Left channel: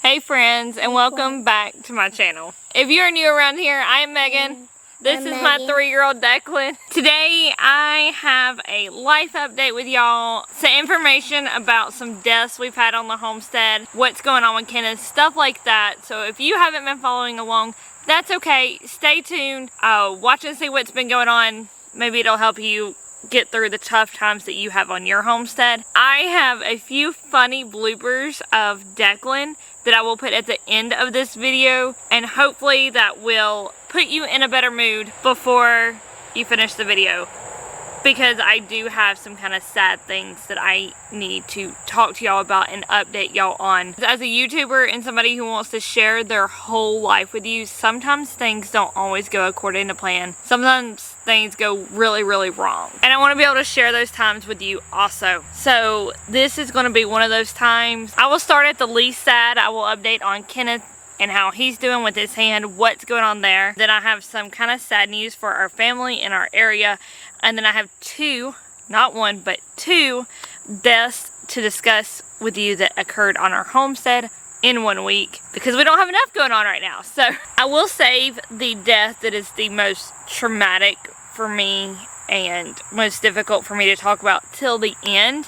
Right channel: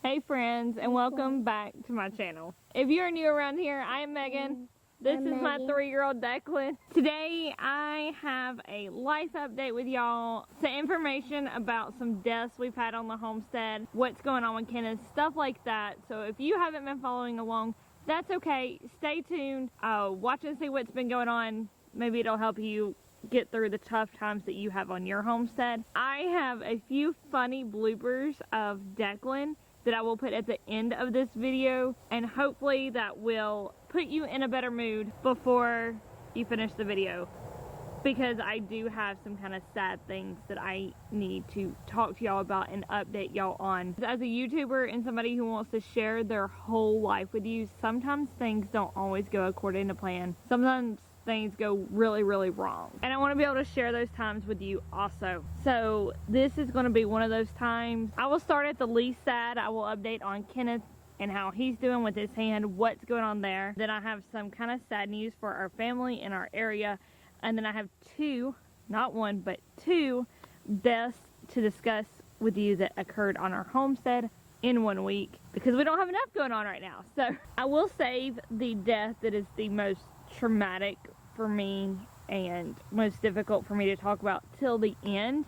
Hey friends, and welcome back to my channel. If you're new around here, I am Megan. This is my 3-year-old Declan. Today I have a life update with y'all, some information about some deaths we've had on the homestead, what's going on with Kenneth, stuff like that. So if you haven't been following along, that's okay. Stay tuned, watch and see what's been going on. Maybe it'll help you get through the tough times that you have on your homestead. I have a few funny bloopers of Declan that I will put at the end of this video, and hopefully that will put you in a better mood before you finish the video, because I do have some kind of sad things that I need to talk to y'all about and update y'all on. As a YouTuber and somebody who wants to share their whole life with you, sometimes things don't always go according to plan. Sometimes things go really, really wrong. And I want to be able to share those times with you also. So this is going to be one of those times. I will start at the least sad. I will update on Kenneth and how he's doing with his hand, what's going on there. Then I have some kind of sad news for our family in our area. And then I have two, not one, but two deaths to discuss with you that occurred on our homestead in 1 week, because we don't have enough going on right now. So I will save the death that is the most traumatic for me and most difficult for me to talk about till the end,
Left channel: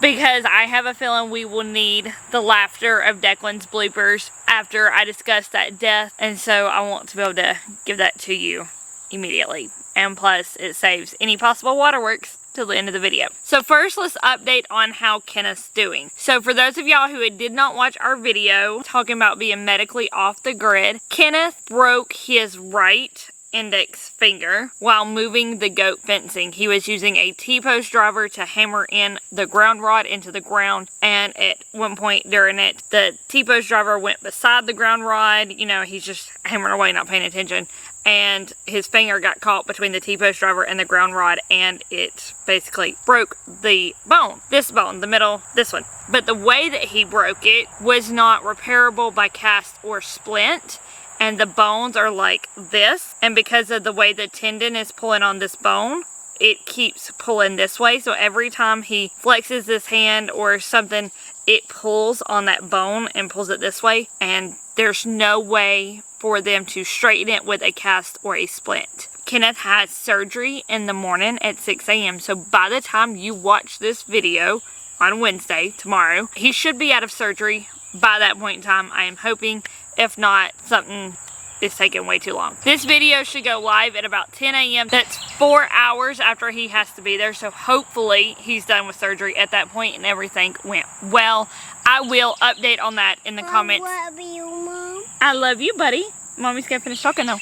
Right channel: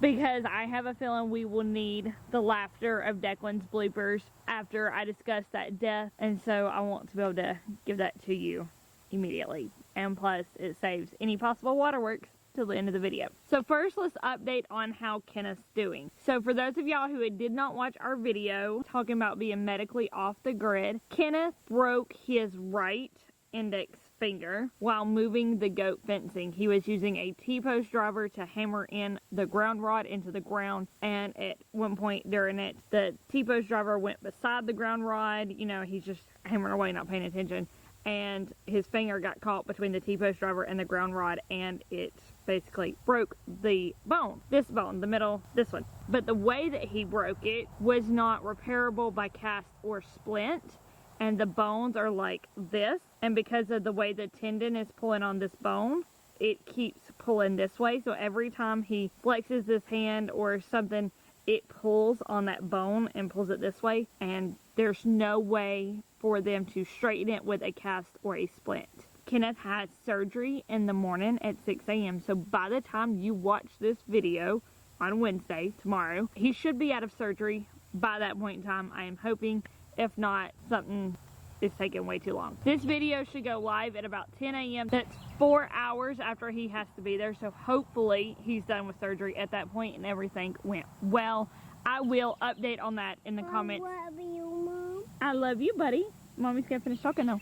because I have a feeling we will need the laughter of Declan's bloopers after I discuss that death, and so I want to be able to give that to you immediately. And plus, it saves any possible waterworks till the end of the video. So first, let's update on how Kenneth's doing. So for those of y'all who did not watch our video talking about being medically off the grid, Kenneth broke his right index finger while moving the goat fencing. He was using a T-post driver to hammer in the ground rod into the ground, and at one point during it, the T-post driver went beside the ground rod. You know, he's just hammering away, not paying attention, and his finger got caught between the T-post driver and the ground rod, and it basically broke the bone. This bone, the middle, this one. But the way that he broke it was not repairable by cast or splint, and the bones are like this, and because of the way the tendon is pulling on this bone, it keeps pulling this way. So every time he flexes this hand or something, it pulls on that bone and pulls it this way, and there's no way for them to straighten it with a cast or a splint. Kenneth has surgery in the morning at 6 a.m. So by the time you watch this video on Wednesday, tomorrow, he should be out of surgery by that point in time, I am hoping. If not, something is taking way too long. This video should go live at about 10 a.m. That's 4 hours after he has to be there. So hopefully he's done with surgery at that point and everything went well. I will update on that in the comments. I love you, Mom. I love you, buddy. Mommy's gonna finish talking though.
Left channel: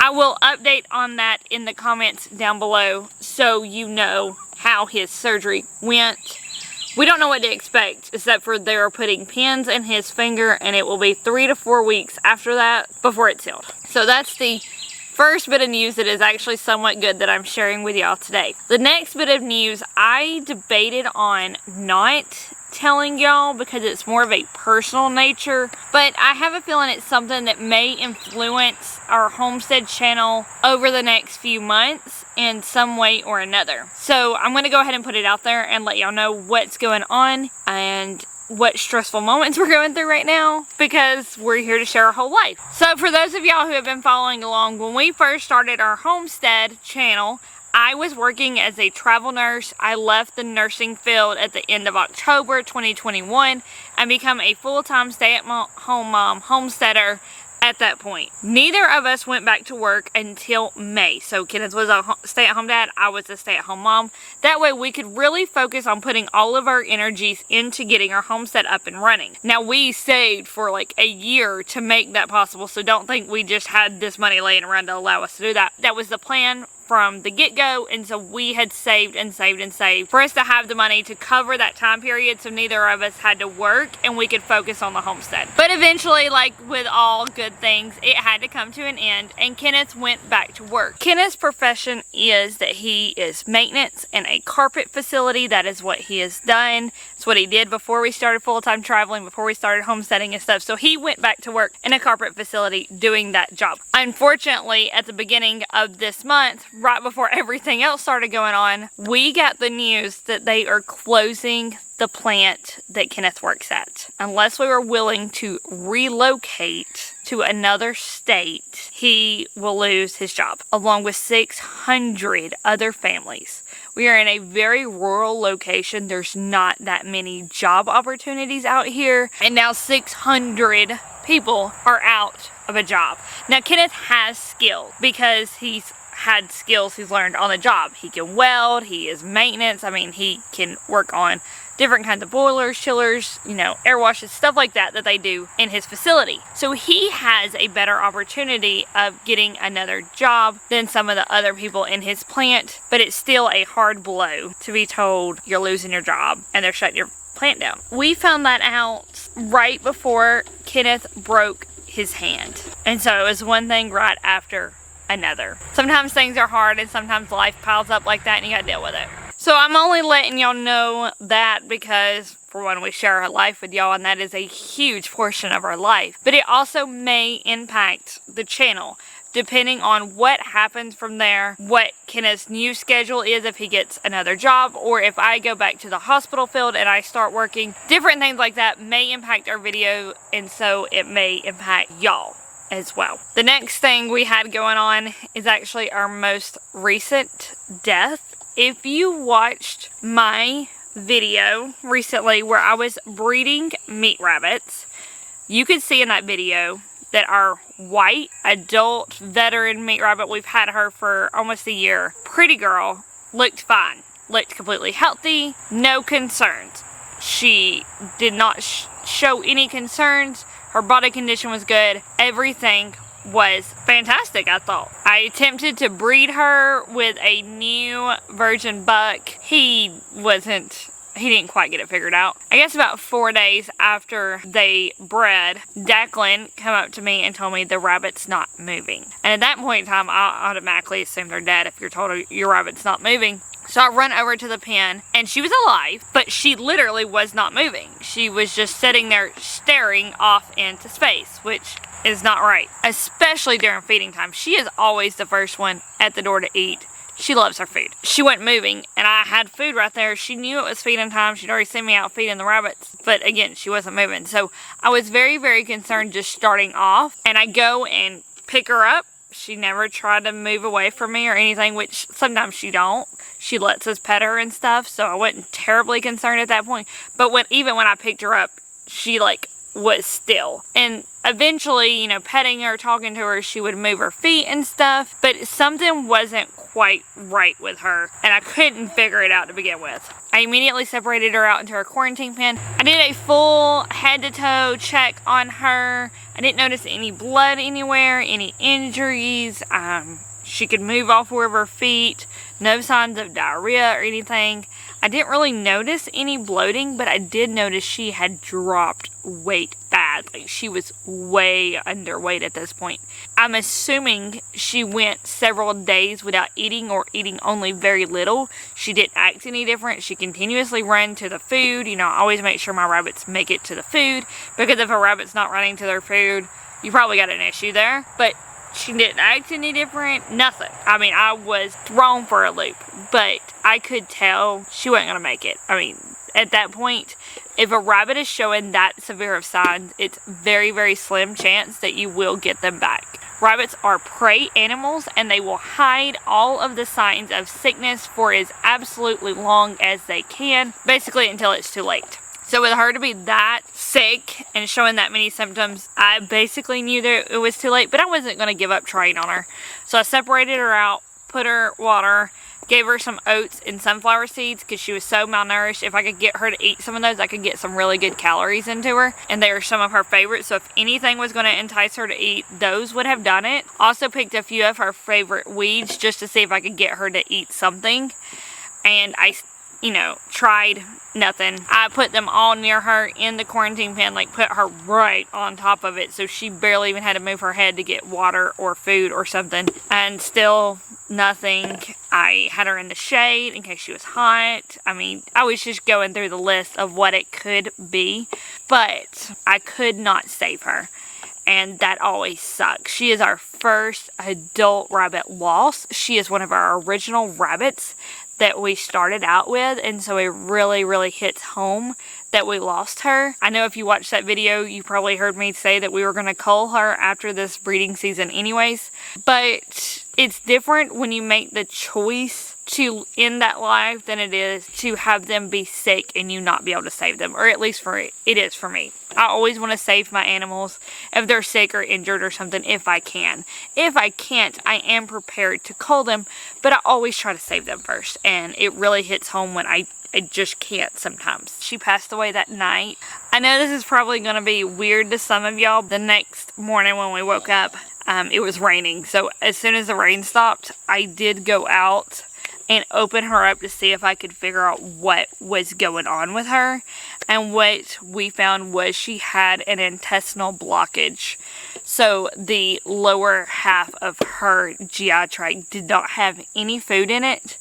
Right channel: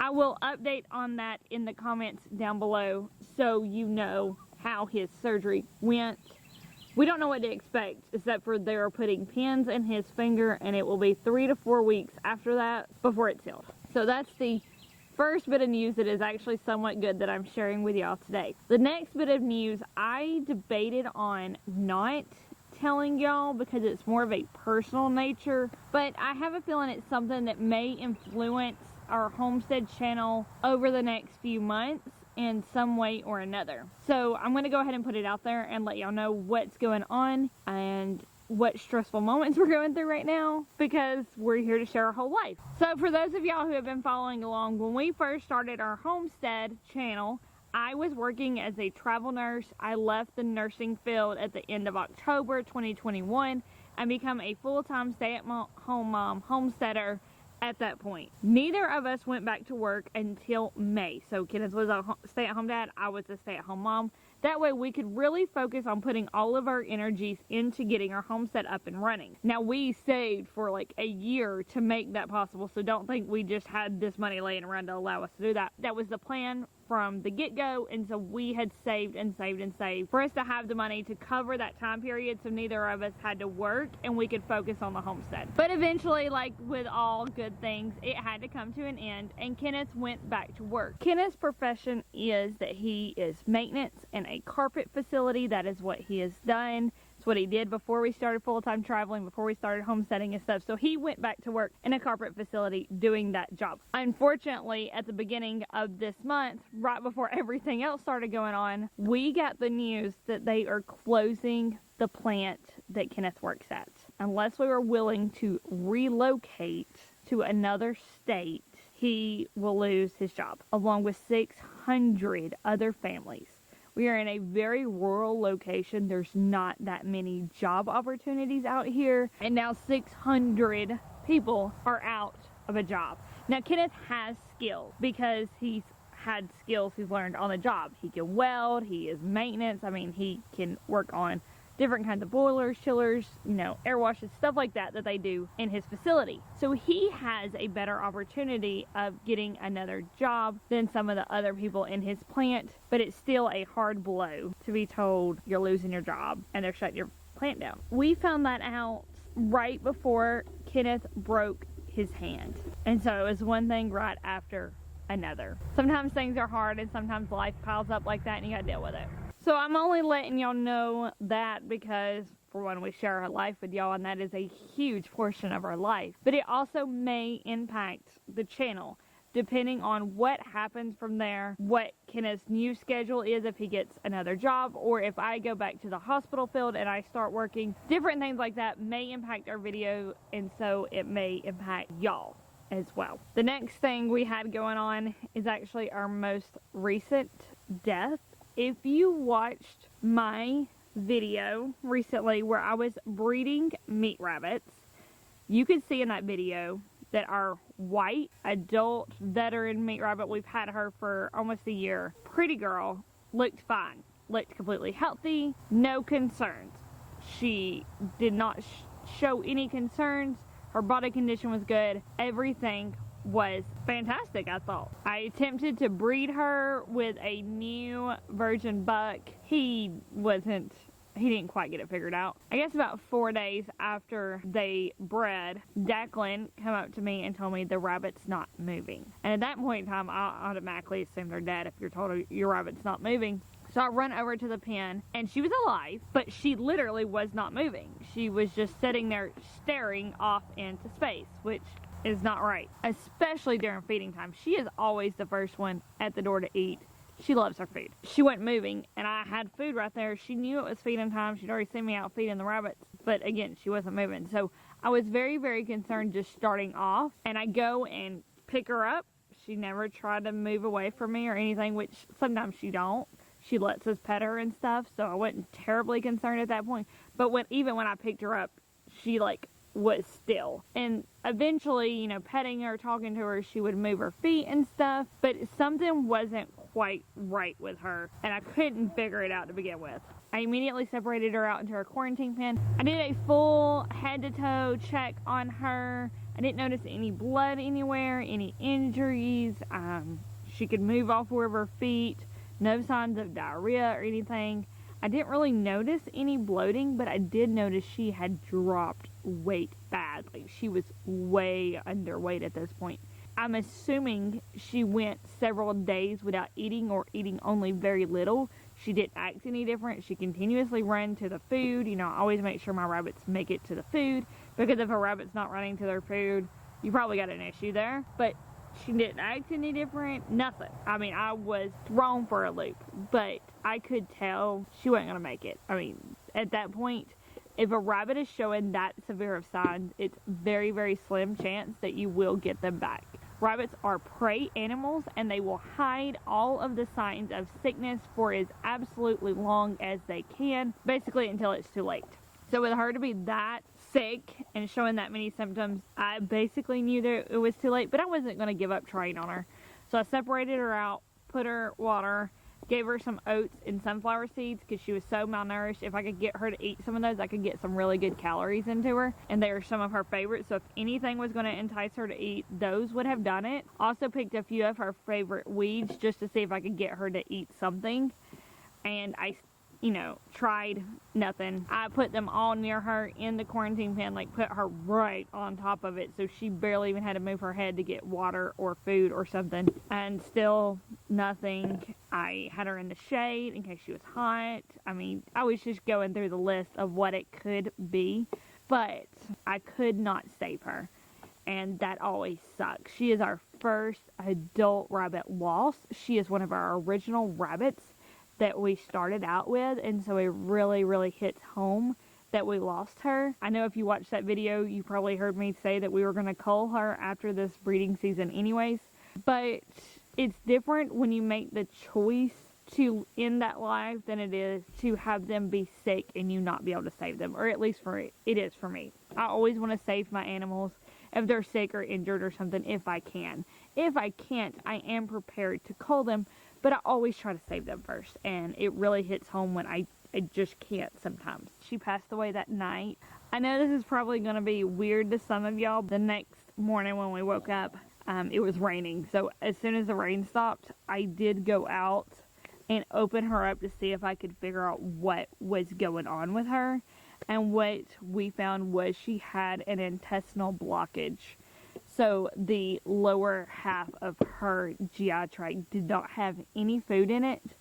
I will update on that in the comments down below so you know how his surgery went. We don't know what to expect, except for they're putting pins in his finger, and it will be 3 to 4 weeks after that before it's healed. So that's the first bit of news that is actually somewhat good that I'm sharing with y'all today. The next bit of news, I debated on not telling y'all because it's more of a personal nature, but I have a feeling it's something that may influence our homestead channel over the next few months in some way or another. So I'm going to go ahead and put it out there and let y'all know what's going on and what stressful moments we're going through right now, because we're here to share our whole life. So for those of y'all who have been following along, when we first started our homestead channel, I was working as a travel nurse. I left the nursing field at the end of October 2021 and become a full-time stay-at-home mom homesteader at that point. Neither of us went back to work until May. So Kenneth was a stay-at-home dad, I was a stay-at-home mom. That way we could really focus on putting all of our energies into getting our homestead up and running. Now, we saved for like a year to make that possible, so don't think we just had this money laying around to allow us to do that. That was the plan from the get-go, and so we had saved and saved and saved for us to have the money to cover that time period, so neither of us had to work and we could focus on the homestead. But eventually, like with all good things, it had to come to an end, and Kenneth went back to work. Kenneth's profession is that he is maintenance in a carpet facility. That is what he has done. It's what he did before we started full-time traveling, before we started homesteading and stuff. So he went back to work in a carpet facility doing that job. Unfortunately, at the beginning of this month, right before everything else started going on, we got the news that they are closing the plant that Kenneth works at. Unless we were willing to relocate to another state, he will lose his job, along with 600 other families. We are in a very rural location. There's not that many job opportunities out here, and now 600 people are out of a job. Now, Kenneth has skill because he's had skills he's learned on the job. He can weld, he is maintenance. I mean, he can work on different kinds of boilers, chillers, you know, air washes, stuff like that they do in his facility. So he has a better opportunity of getting another job than some of the other people in his plant, but it's still a hard blow to be told you're losing your job and they're shutting your plant down. We found that out right before Kenneth broke his hand. And so it was one thing right after another. Sometimes things are hard and sometimes life piles up like that and you gotta deal with it. So I'm only letting y'all know that because, for one, we share our life with y'all and that is a huge portion of our life. But it also may impact the channel, depending on what happens from there, what Kenneth's new schedule is if he gets another job, or if I go back to the hospital field and I start working. Different things like that may impact our video, and so it may impact y'all as well. The next thing we had going on is actually our most recent death. If you watched my video recently where I was breeding meat rabbits, you could see in that video that our white adult veteran meat rabbit, we've had her for almost a year, pretty girl, looked fine, looked completely healthy, no concerns. She did not show any concerns. Her body condition was good. Everything was fantastic, I thought. I attempted to breed her with a new virgin buck. He didn't quite get it figured out. I guess about 4 days after they bred, Declan came up to me and told me the rabbit's not moving. And at that point in time, I automatically assume they're dead if you're told your rabbit's not moving. So I run over to the pen, and she was alive, but she literally was not moving. She was just sitting there staring off into space, which is not right, especially during feeding time. She is always the first one at the door to eat. She loves her food. She wasn't moving, and I had food right there. She knew it was feeding time. She'd already seen me out feeding the rabbits, but again, she wasn't moving. So I was very, very concerned just starting off, and I go and pick her up. She never tried to move away from me or anything, which sometimes she don't. She lets us pet her and stuff, so I wasn't terribly concerned at that point. But even when I picked her up, she was still. And eventually, you know, petting her, talking to her, she would move her feet and stuff, but something wasn't quite right with her, and I couldn't figure it out to begin with. I immediately separated her out into her quarantine pen. I did a full head to toe check on her. I didn't notice any blood anywhere, any injuries. She could move all 4 of her feet. No signs of diarrhea or anything. I didn't really notice any bloating, but I did notice she had dropped weight bad. She was way underweight at this point. I'm assuming she went several days without eating or eating only very little. She didn't act any different. She continuously ran to the food. You know, I always make sure my rabbits make it to the food, because if a rabbit's not running to their food, you probably got an issue there. But she didn't act any different, nothing. I mean, I was thrown for a loop, but I could tell she wasn't going to make it. I mean, at that point, if a rabbit is showing that severe of signs, it's very, very slim chance that you will get them back. Rabbits are prey animals, and they will hide all of the signs of sickness for as absolutely long as they can, basically until it's too late. So with her to be that sick and showing that many symptoms, I basically knew that it was too late, but I wasn't going to give up trying on her. So I separated her out, put her water, gave her some oats and sunflower seeds because she was so malnourished. If I could get her to eat some of those, I could get some really good calories into her, and they are some of her favorites. So if anything was going to entice her to eat, those would have done it. Also picked a few of her favorite weeds just to see if I could get her to eat something, and I tried nothing. I put them all near her in the quarantine pen, put her right on top of it, so she barely even had to move her head to get water or food or something, and still nothing. I had her in the shade in case she was hot. I mean, I was just going through the list of what it could be, but I could not save her. and that always sucks. She is our first adult rabbit loss. She is one of our original rabbits that we started out with, and so it really, really hits home that we lost her. I know if you watched that video, you probably heard me say that we were going to cull her after this breeding season anyways, but it's different when you make the choice to end that life than it is to have them be sick and you not be able to save them, or at least it is for me. I always want to save my animals if they're sick or injured or something if I can. If I can't, I am prepared to cull them, but I always try to save them first, and it really hits home when I just can't sometimes. She passed away that night. I know this is probably going to be weird to some of y'all. The next morning when we woke up, it was raining, so as soon as the rain stopped, I did go out and open her up to see if I could figure out what was going on with her. And what we found was she had an intestinal blockage. So the lower half of her GI tract did not have any food in it,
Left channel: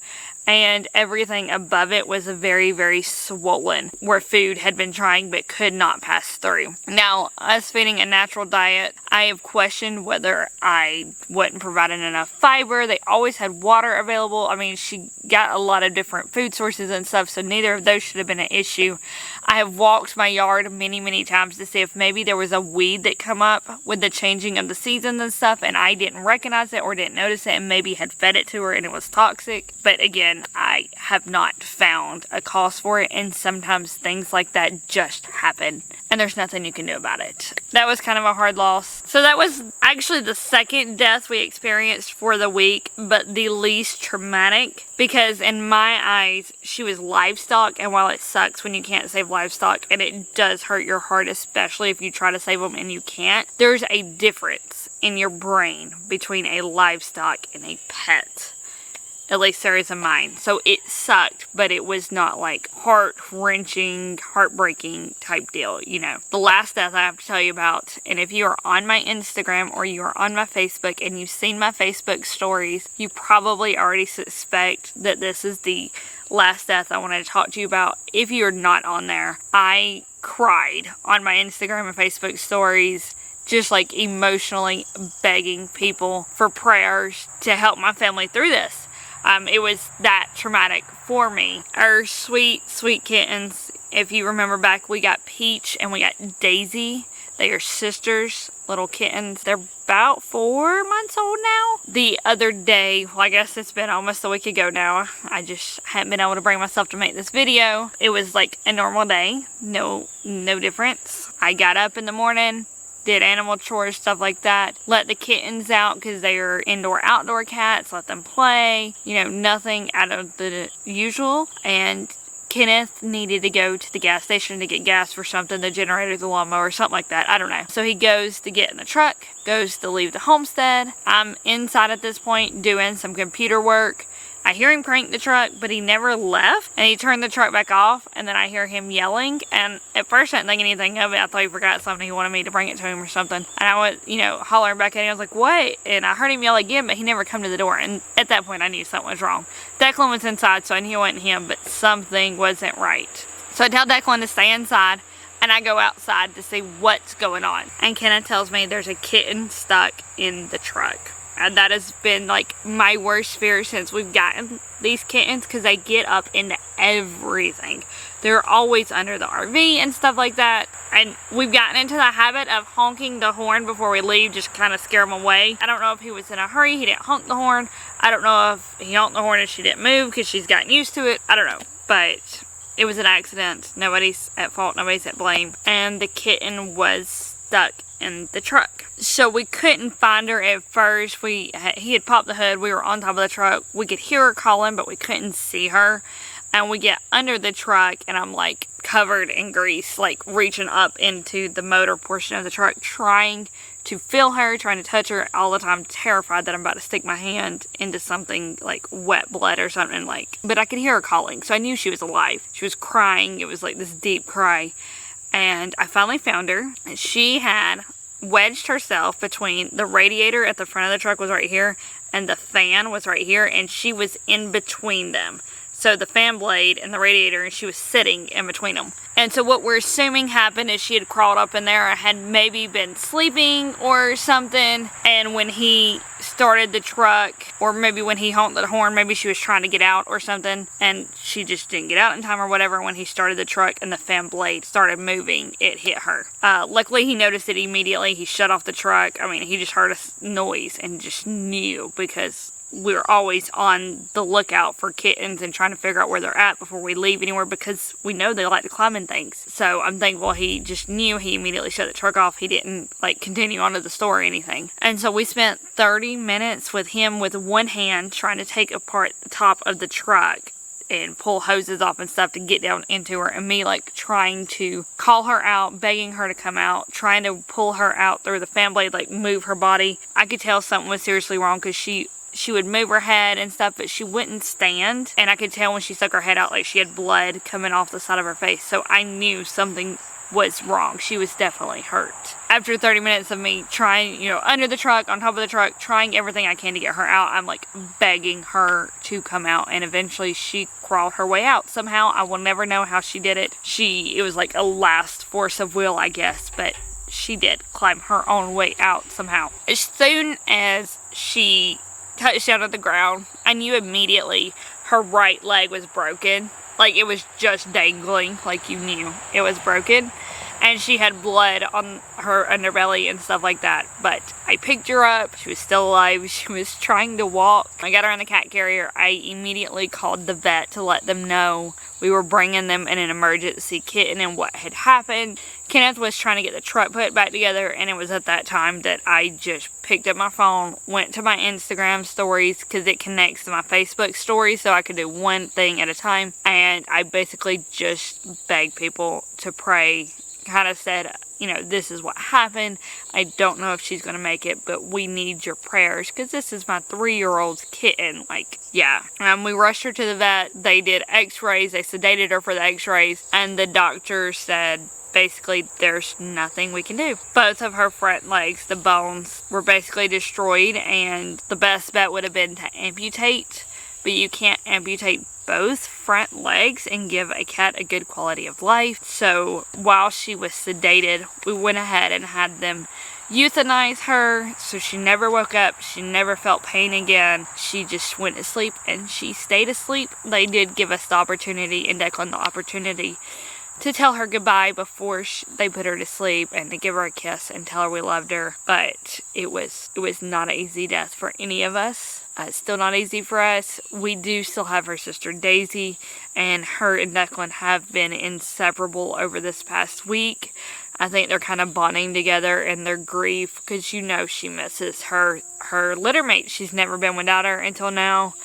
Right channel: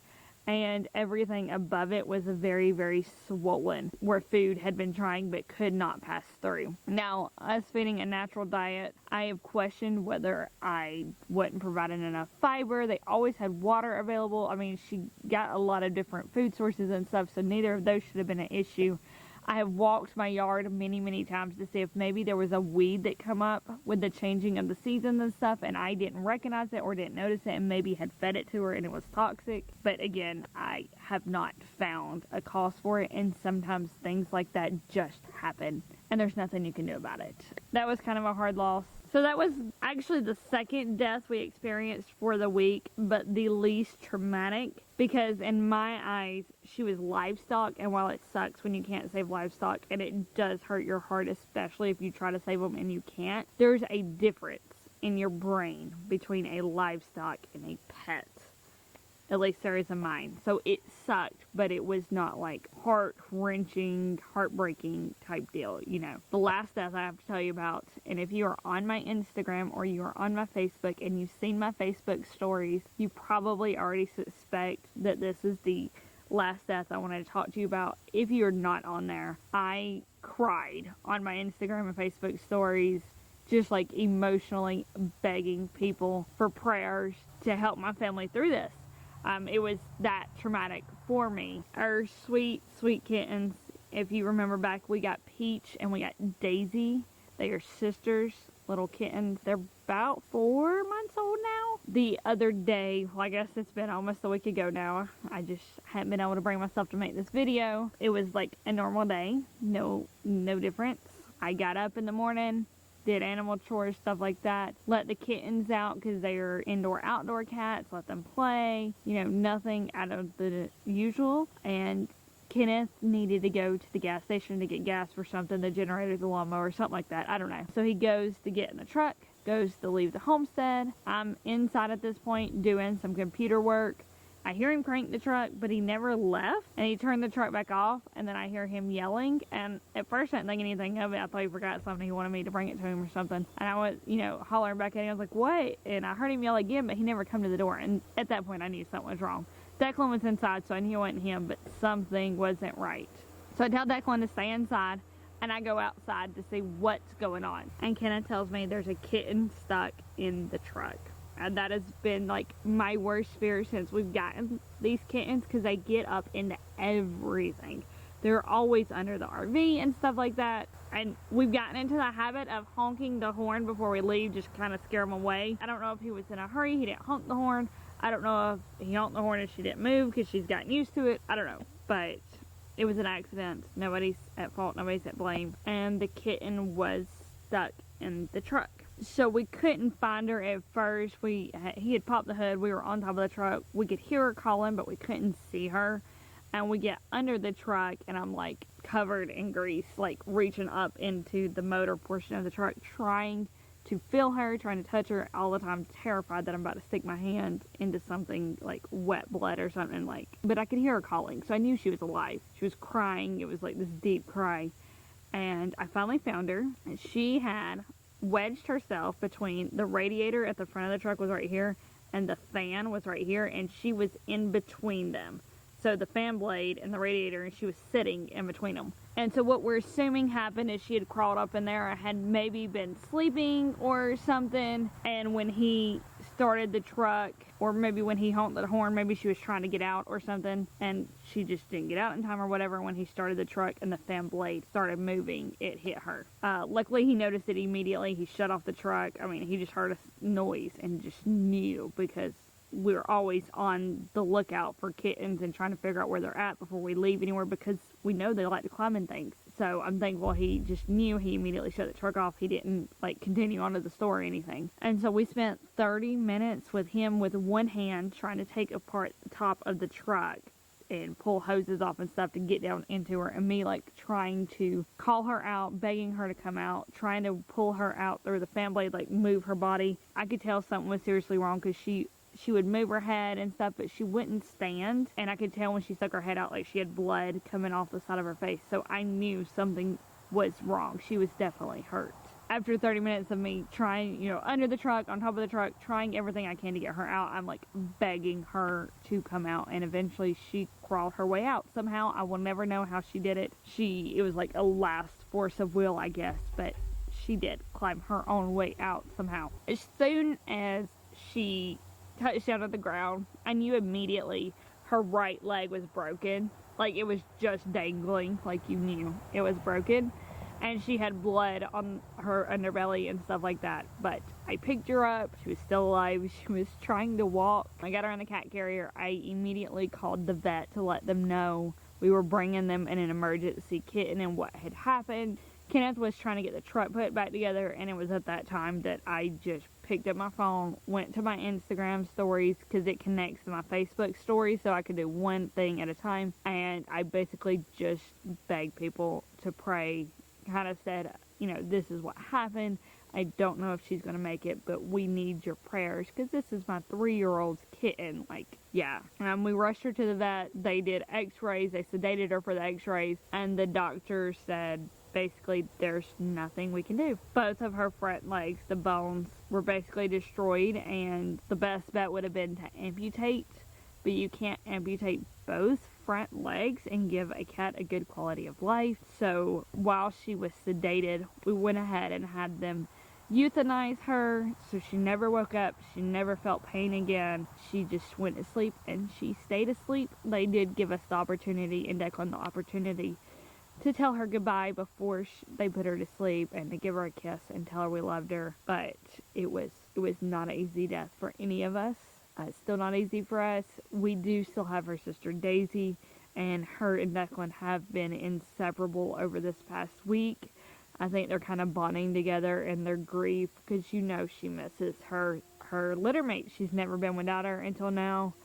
and everything above it was very, very swollen, where food had been trying but could not pass through. Now, us feeding a natural diet, I have questioned whether I wasn't providing enough fiber. They always had water available. I mean, she got a lot of different food sources and stuff, so neither of those should have been an issue. I have walked my yard many, many times to see if maybe there was a weed that come up with the changing of the seasons and stuff, and I didn't recognize it or didn't notice it and maybe had fed it to her and it was toxic. But again, I have not found a cause for it, and sometimes things like that just happen and there's nothing you can do about it. That was kind of a hard loss. So that was actually the second death we experienced for the week, but the least traumatic, because in my eyes, she was livestock, and while it sucks when you can't save livestock, and it does hurt your heart, especially if you try to save them and you can't, there's a difference in your brain between a livestock and a pet. At least there is in mine. So it sucked, but it was not like heart-wrenching, heartbreaking type deal, you know. The last death I have to tell you about, and if you are on my Instagram or you are on my Facebook and you've seen my Facebook stories, you probably already suspect that this is the last death I wanted to talk to you about. If you're not on there, I cried on my Instagram and Facebook stories, just like emotionally begging people for prayers to help my family through this. It was that traumatic for me. Our sweet, sweet kittens, if you remember back, we got Peach and we got Daisy. They are sisters, little kittens. They're about 4 months old now. The other day, well, I guess it's been almost a week ago now. I just haven't been able to bring myself to make this video. It was like a normal day. No difference. I got up in the morning, did animal chores, stuff like that. Let the kittens out because they are indoor-outdoor cats. Let them play. You know, nothing out of the usual. And Kenneth needed to go to the gas station to get gas for something, the generator, the lawnmower, something like that. I don't know. So he goes to get in the truck, goes to leave the homestead. I'm inside at this point doing some computer work. I hear him crank the truck, but he never left, and he turned the truck back off, and then I hear him yelling, and at first I didn't think anything of it. I thought he forgot something. He wanted me to bring it to him or something, and I went, you know, hollering back at him. I was like, what? And I heard him yell again, but he never come to the door, and at that point I knew something was wrong. Declan was inside, so I knew it wasn't him, but something wasn't right. So I tell Declan to stay inside, and I go outside to see what's going on, and Kenneth tells me there's a kitten stuck in the truck. And that has been like my worst fear since we've gotten these kittens, because they get up into everything. They're always under the RV and stuff like that. And we've gotten into the habit of honking the horn before we leave, just kind of scare them away. I don't know if he was in a hurry, he didn't honk the horn. I don't know if he honked the horn and she didn't move because she's gotten used to it. I don't know. But it was an accident. Nobody's at fault, nobody's at blame. And the kitten was stuck in the truck. So we couldn't find her at first. He had popped the hood. We were on top of the truck. We could hear her calling, but we couldn't see her. And we get under the truck, and I'm like covered in grease, like reaching up into the motor portion of the truck, trying to feel her, trying to touch her all the time, terrified that I'm about to stick my hand into something like wet blood or something, but I could hear her calling, so I knew she was alive. She was crying. It was like this deep cry. And I finally found her. She had wedged herself between the radiator at the front of the truck was right here, and the fan was right here, and she was in between them. So the fan blade and the radiator, and she was sitting in between them. And so what we're assuming happened is she had crawled up in there and had maybe been sleeping or something. And when he started the truck, or maybe when he honked the horn, maybe she was trying to get out or something, and she just didn't get out in time or whatever. When he started the truck and the fan blade started moving, it hit her. Luckily, he noticed it immediately. He shut off the truck. I mean, he just heard a noise and just knew, because we're always on the lookout for kittens and trying to figure out where they're at before we leave anywhere, because we know they like to climb in things. So I'm thankful he just knew. He immediately shut the truck off. He didn't like continue on to the store or anything. And so we spent 30 minutes with him with one hand trying to take apart the top of the truck and pull hoses off and stuff to get down into her, and me like trying to call her out, begging her to come out, trying to pull her out through the fan blade, like move her body. I could tell something was seriously wrong, because she would move her head and stuff, but she wouldn't stand. And I could tell when she stuck her head out, like she had blood coming off the side of her face. So I knew something was wrong. She was definitely hurt. After 30 minutes of me trying, under the truck, on top of the truck, trying everything I can to get her out, I'm like begging her to come out. And eventually she crawled her way out somehow. I will never know how she did it. It was like a last force of will, I guess, but she did climb her own way out somehow. As soon as she touched down at the ground, I knew immediately her right leg was broken. Like, it was just dangling, like you knew it was broken. And she had blood on her underbelly and stuff like that. But I picked her up. She was still alive. She was trying to walk. I got her in the cat carrier. I immediately called the vet to let them know we were bringing them in an emergency kitten and what had happened. Kenneth was trying to get the truck put back together, and it was at that time that I just picked up my phone, went to my Instagram stories, because it connects to my Facebook stories, so I could do one thing at a time. And I basically just begged people to pray. Kind of said, this is what happened. I don't know if she's going to make it, but we need your prayers, because this is my 3-year-old's kitten. Like, yeah. We rushed her to the vet. They did x-rays. They sedated her for the x-rays, and the doctor said, basically, there's nothing we can do. Both of her front legs, the bones, were basically destroyed, and the best bet would have been to amputate, but you can't amputate both front legs and give a cat a good quality of life. So while she was sedated, we went ahead and had them euthanize her, so she never woke up. She never felt pain again. She just went to sleep, and she stayed asleep. They did give us the opportunity, and Declan the opportunity, to tell her goodbye before they put her to sleep, and to give her a kiss and tell her we loved her. But it was not an easy death for any of us. It's still not easy for us. We do still have her sister Daisy, and her and Declan have been inseparable over this past week. I think they're kind of bonding together in their grief, because she misses her litter mate. She's never been without her until now.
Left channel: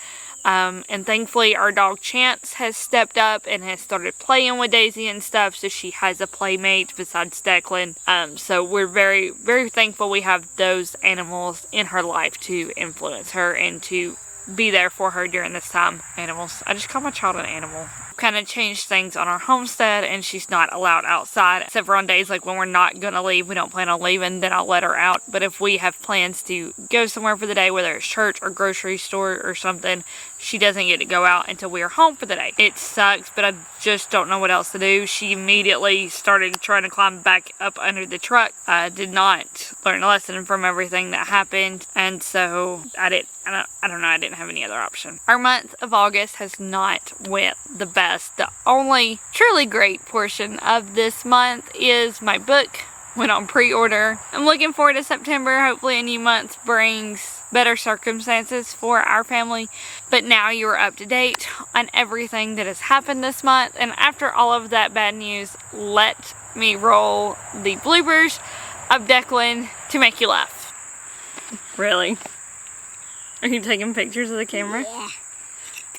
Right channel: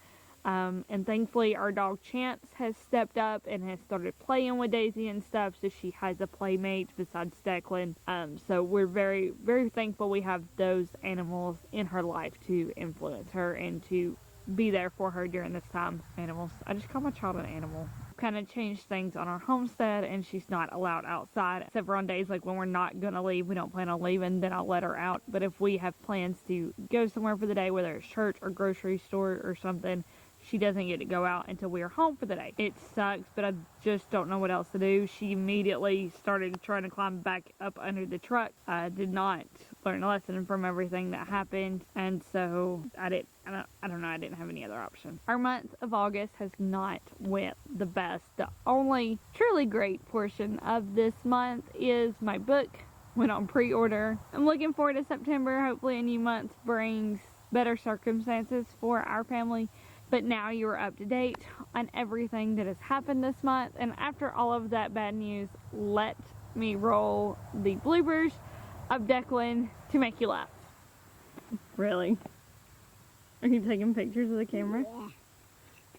And thankfully our dog Chance has stepped up and has started playing with Daisy and stuff, so she has a playmate besides Declan. So we're very, very thankful we have those animals in her life to influence her and to be there for her during this time. Animals. I just call my child an animal. Kind of changed things on our homestead, and she's not allowed outside except for on days like when we're not gonna leave. We don't plan on leaving, then I'll let her out. But if we have plans to go somewhere for the day, whether it's church or grocery store or something, she doesn't get to go out until we are home for the day. It sucks, but I just don't know what else to do. She immediately started trying to climb back up under the truck. I did not learn a lesson from everything that happened, and so I don't know, I didn't have any other option. Our month of August has not went the best. The only truly great portion of this month is my book went on pre-order. I'm looking forward to September. Hopefully a new month brings better circumstances for our family. But now you are up to date on everything that has happened this month. And after all of that bad news, let me roll the bloopers of Declan to make you laugh. Really? Are you taking pictures of the camera? Yeah.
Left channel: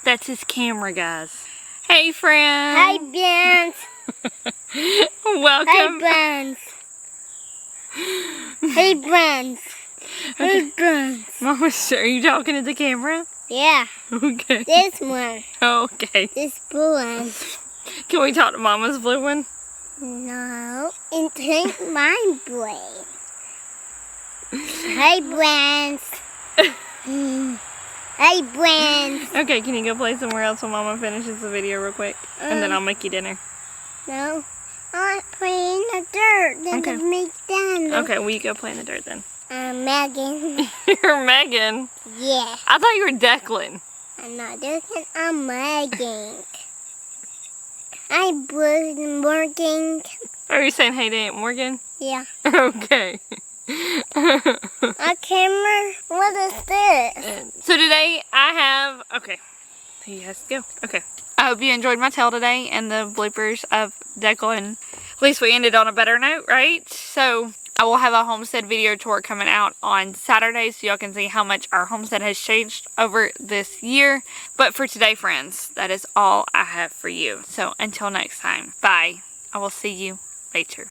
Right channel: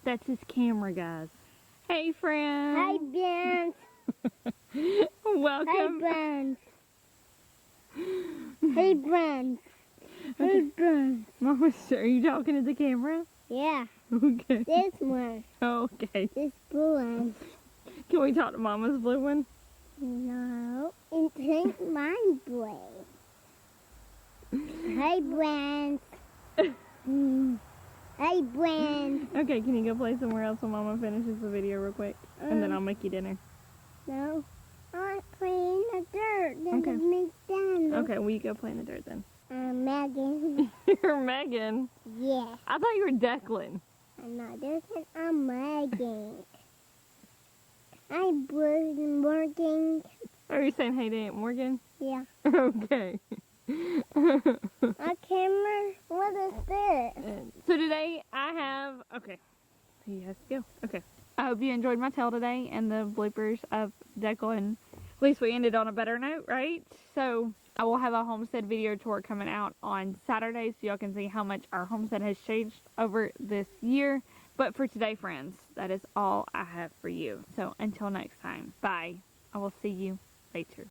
That's his camera, guys. Hey, friends. Hi, friends. Welcome. Hey, friends. Hey, friends. Hey, friends. Mama, are you talking to the camera? Yeah. Okay. This one. Okay. This blue one. Can we talk to Mama's blue one? No. And take my brain. Hey, friends. Hey, friends. Okay, can you go play somewhere else while Mama finishes the video real quick? And then I'll make you dinner. No. I want to play in the dirt. Then Okay. to make dinner. Okay, well you go play in the dirt then. Megan. You're Megan. Yeah. I thought you were Declan. I'm not Declan. I'm Megan. I'm working. Are you saying hey to Aunt Morgan? Yeah. Okay. A camera? What is this? So today I have, okay, he has to go. Okay. I hope you enjoyed my tale today and the bloopers of Declan. At least we ended on a better note, right? So I will have a homestead video tour coming out on Saturday so y'all can see how much our homestead has changed over this year. But for today, friends, that is all I have for you. So until next time, bye. I will see you later.